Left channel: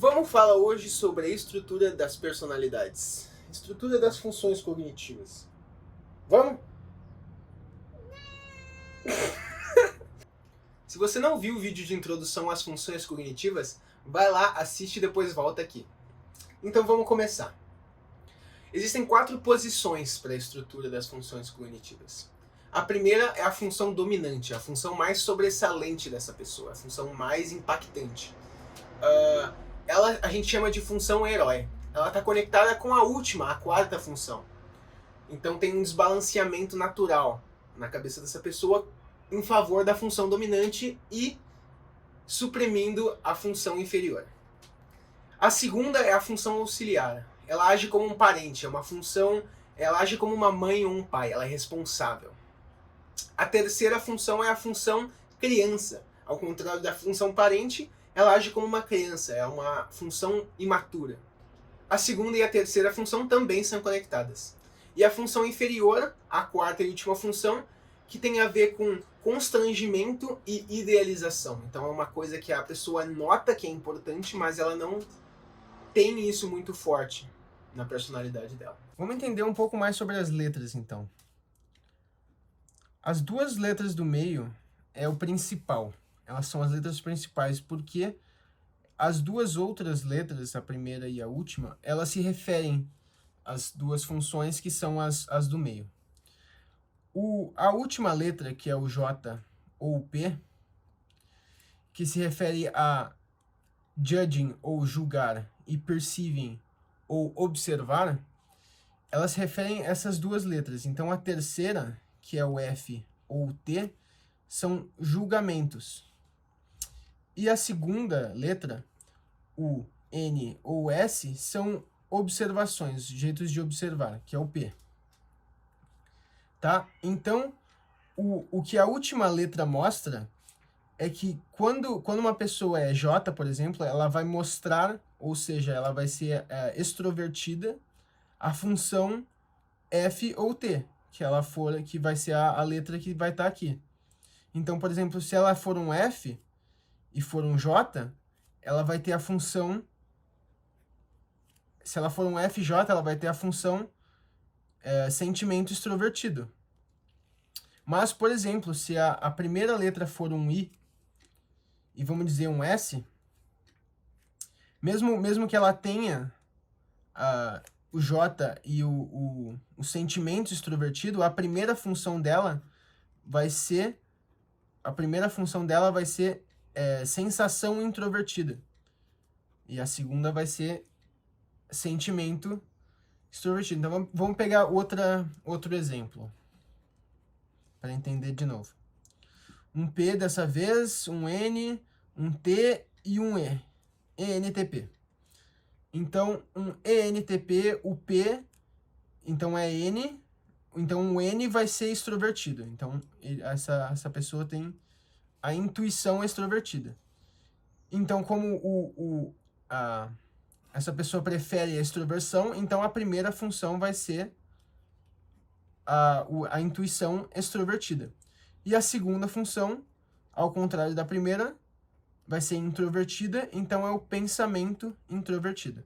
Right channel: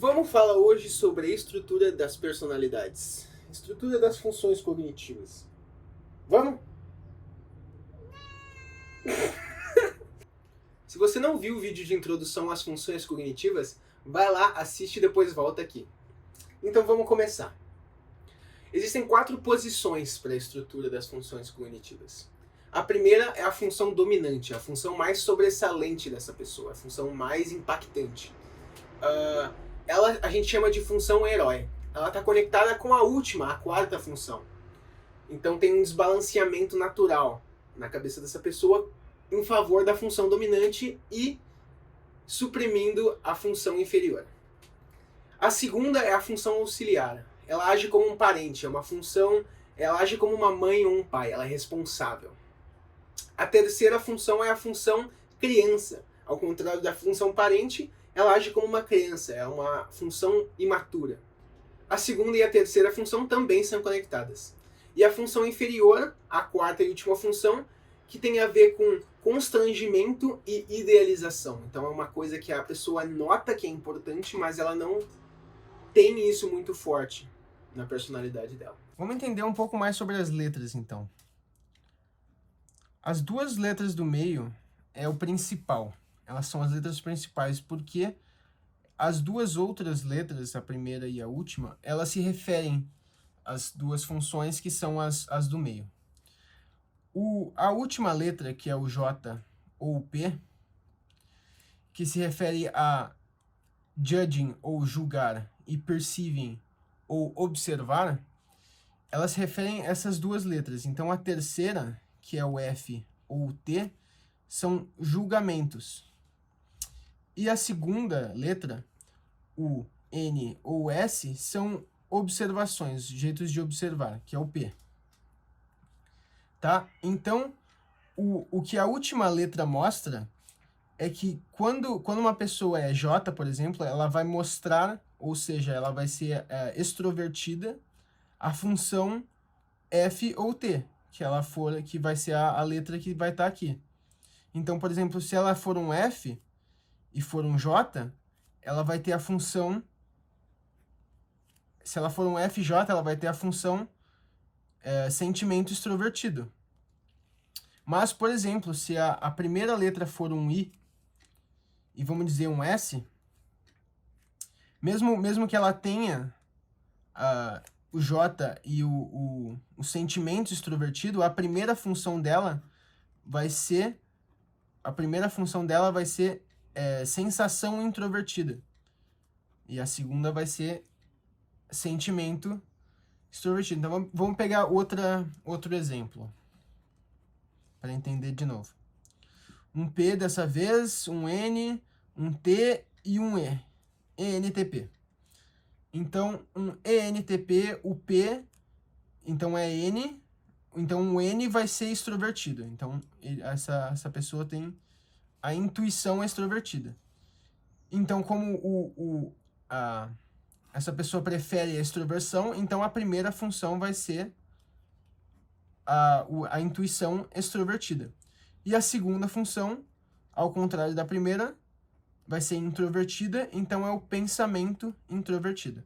Vamos falar hoje sobre a estrutura das personalidades, estrutura das funções cognitivas. Vamos? Se você não viu o vídeo de introdução às funções cognitivas, vai lá, assiste e depois volta aqui. Então vamos começar. Existem 4 posições para a estrutura das funções cognitivas. A primeira é a função dominante, a função mais sobressalente dessa pessoa, a função mais impactante. Ela a gente chama de função herói. Ela está conectada com a última, a 4ª função. Então tem um desbalanceamento natural na cabeça dessa pessoa em favor da função dominante e suprimindo a função inferior. A segunda é a função auxiliar. Ela age como um parente, é uma função, ela age como uma mãe ou um pai, ela é responsável. A terceira função é a função criança. Ao contrário da função parente, ela age como uma criança, é uma função imatura. A segunda e a terceira função também são conectadas. E a função inferior, a 4ª e última função, que tem a ver com constrangimento e idealização. Então é uma coisa que a pessoa nota que é importante, mas ela não tem isso muito forte na personalidade dela. Vamos entender um pouco mais sobre as letras, então. As 2 letras do meio é o principal. Elas são as letras principais, porque as 2 outras letras, a primeira e a última, elas se referem às 2 funções que são as do meio. A última letra, que é o J ou o P, que se refere a judging ou julgar e perceiving ou observar, elas se referem a essas 2 letras. Então a terceira, que é o F ou o T, são julgamentos. E a segunda letra, o N ou o S, são observações, jeitos de observar, que é o P. Tá? Então, o que a última letra mostra é que quando uma pessoa é J, por exemplo, ela vai mostrar, ou seja, ela vai ser extrovertida, a função F ou T, que vai ser a letra que vai estar aqui. Então, por exemplo, se ela for um F e for um J, ela vai ter a função... Se ela for um FJ, ela vai ter a função sentimento extrovertido. Mas, por exemplo, se a primeira letra for um I e vamos dizer um S, mesmo que ela tenha o J e o sentimento extrovertido, a primeira função dela vai ser sensação introvertida. E a segunda vai ser sentimento extrovertido. Então vamos pegar outro exemplo para entender de novo. Um P dessa vez, um N, um T e um E. ENTP. Então, um ENTP, o P, então é N, então o N vai ser extrovertido. Então, essa pessoa tem a intuição extrovertida. Então, como essa pessoa prefere a extroversão, então a primeira função vai ser a intuição extrovertida. E a segunda função, ao contrário da primeira, vai ser introvertida, então é o pensamento introvertido.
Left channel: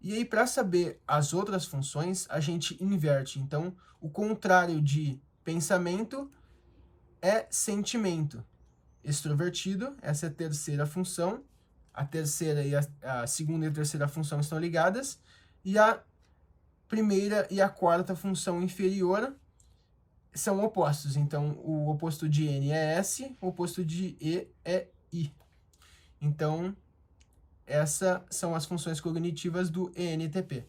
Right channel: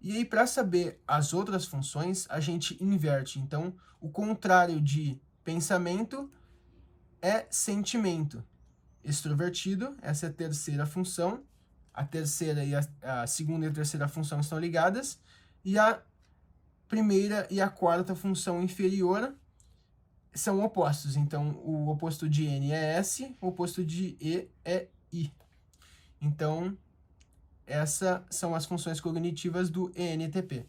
E aí, para saber as outras funções, a gente inverte. Então, o contrário de pensamento é sentimento extrovertido, essa é a terceira função. A terceira e a segunda e a terceira função estão ligadas, e a primeira e a 4ª função inferior são opostos. Então, o oposto de N é S, o oposto de E é I. Então, essas são as funções cognitivas do ENTP.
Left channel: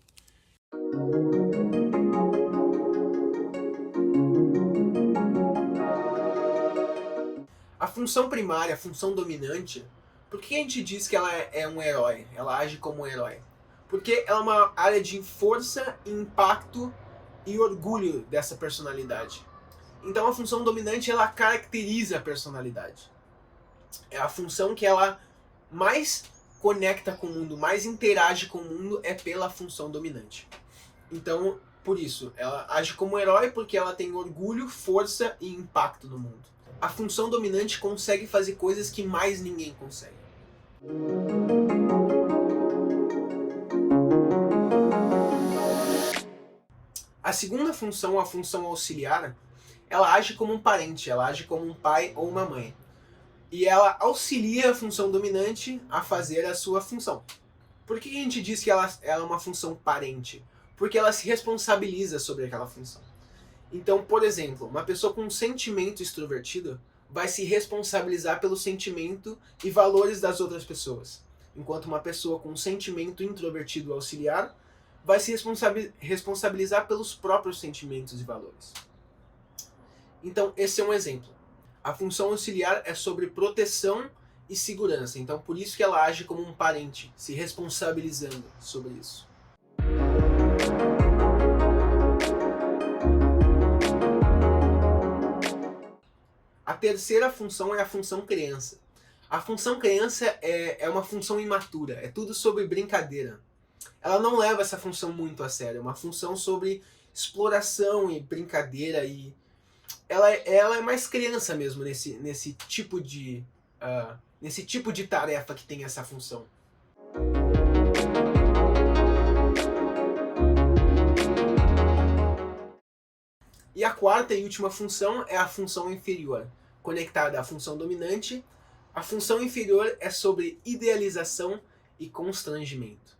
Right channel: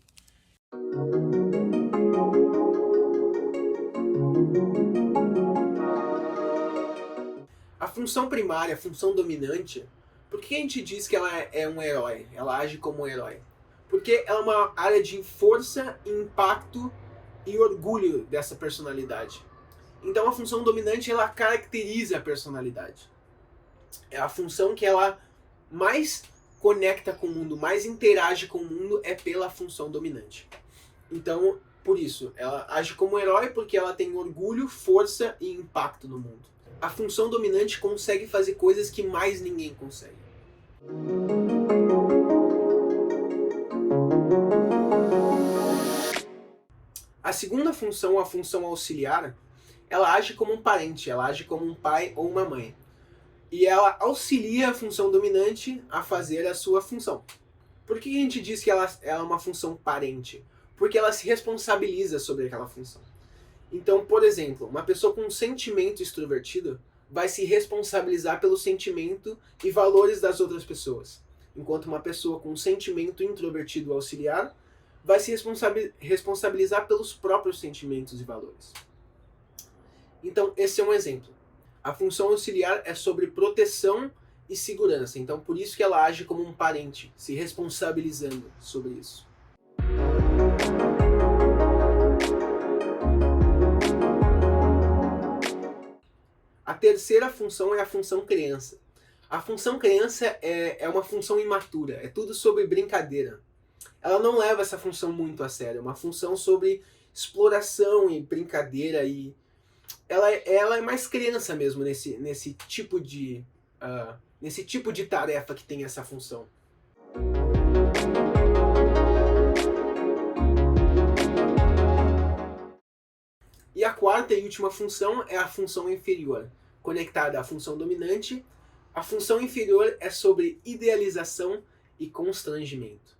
A função primária, a função dominante, por que a gente diz que ela é um herói? Ela age como um herói? Porque ela é uma área de força, impacto e orgulho dessa personalidade. Então a função dominante, ela caracteriza a personalidade. É a função que ela mais conecta com o mundo, mais interage com o mundo, é pela função dominante. Então, por isso, ela age como herói porque ela tem orgulho, força e impacto no mundo. A função dominante consegue fazer coisas que mais ninguém consegue. A segunda função, a função auxiliar, ela age como um parente, ela age como um pai ou uma mãe. E ela auxilia a função dominante a fazer a sua função. Por que a gente diz que ela é uma função parente? Porque ela se responsabiliza sobre aquela função. Então, por exemplo, uma pessoa com um sentimento extrovertido vai se responsabilizar pelo sentimento e valores das outras pessoas. Enquanto uma pessoa com um sentimento introvertido auxiliar vai se responsabilizar pelos próprios sentimentos e valores. Então, esse é um exemplo. A função auxiliar é sobre proteção e segurança. Então, por isso que ela age como um parente, se responsabilizando sobre isso. A terceira função é a função criança. A função criança é uma função imatura, é tudo sobre brincadeira. Ela não leva essa função muito a sério, é uma função sobre exploração e brincadeira, e ela é mais criança mesmo nesse tipo de tarefa que tem essa função. E a quarta e última função é a função inferior, conectada à função dominante. A função inferior é sobre idealização e constrangimento.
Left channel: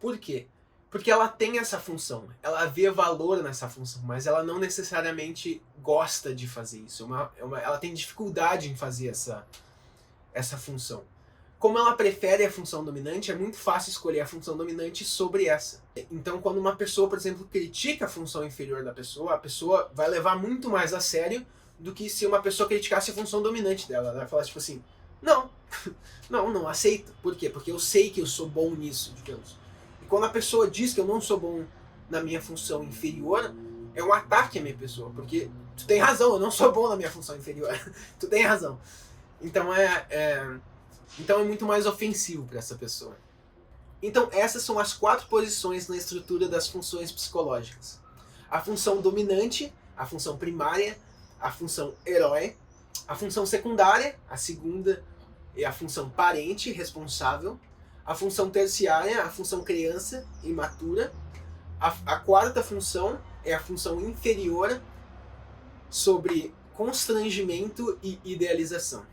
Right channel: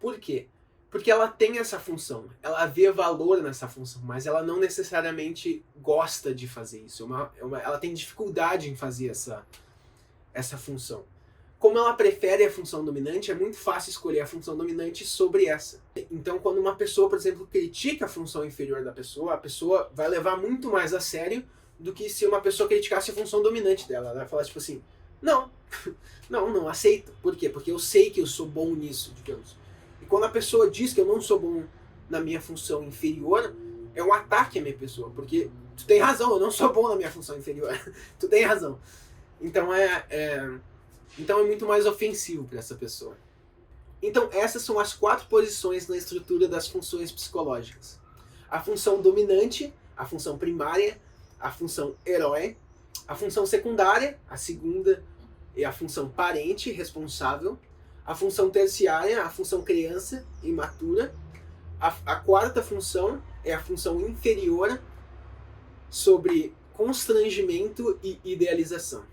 Por quê? Porque ela tem essa função, ela vê valor nessa função, mas ela não necessariamente gosta de fazer isso. Ela tem dificuldade em fazer essa função. Como ela prefere a função dominante, é muito fácil escolher a função dominante sobre essa. Então, quando uma pessoa, por exemplo, critica a função inferior da pessoa, a pessoa vai levar muito mais a sério do que se uma pessoa criticasse a função dominante dela. Ela vai falar tipo assim, não aceito. Por quê? Porque eu sei que eu sou bom nisso, digamos. E quando a pessoa diz que eu não sou bom na minha função inferior, é um ataque à minha pessoa. Porque tu tem razão, eu não sou bom na minha função inferior. Tu tem razão. Então então é muito mais ofensivo para essa pessoa. Então essas são as 4 posições na estrutura das funções psicológicas. A função dominante, a função primária, a função herói, a função secundária, a segunda é a função parente, responsável, a função terciária, a função criança, imatura, a quarta função é a função inferior, sobre constrangimento e idealização.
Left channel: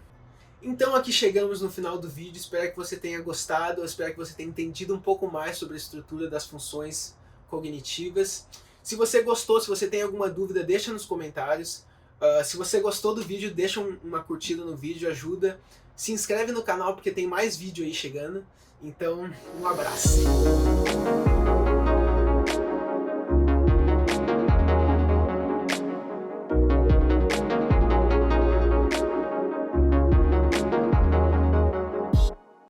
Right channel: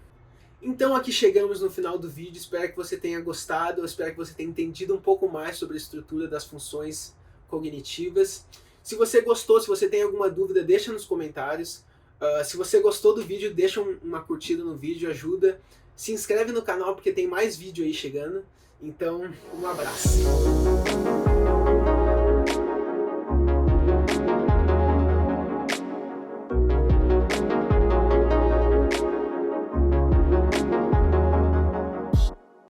Então aqui chegamos no final do vídeo, espero que você tenha gostado, espero que você tenha entendido um pouco mais sobre a estrutura das funções cognitivas. Se você gostou, se você tem alguma dúvida, deixa nos comentários. Se você gostou do vídeo, deixa uma curtida no vídeo, ajuda. Se inscreve no canal porque tem mais vídeo aí chegando. Então, um abraço.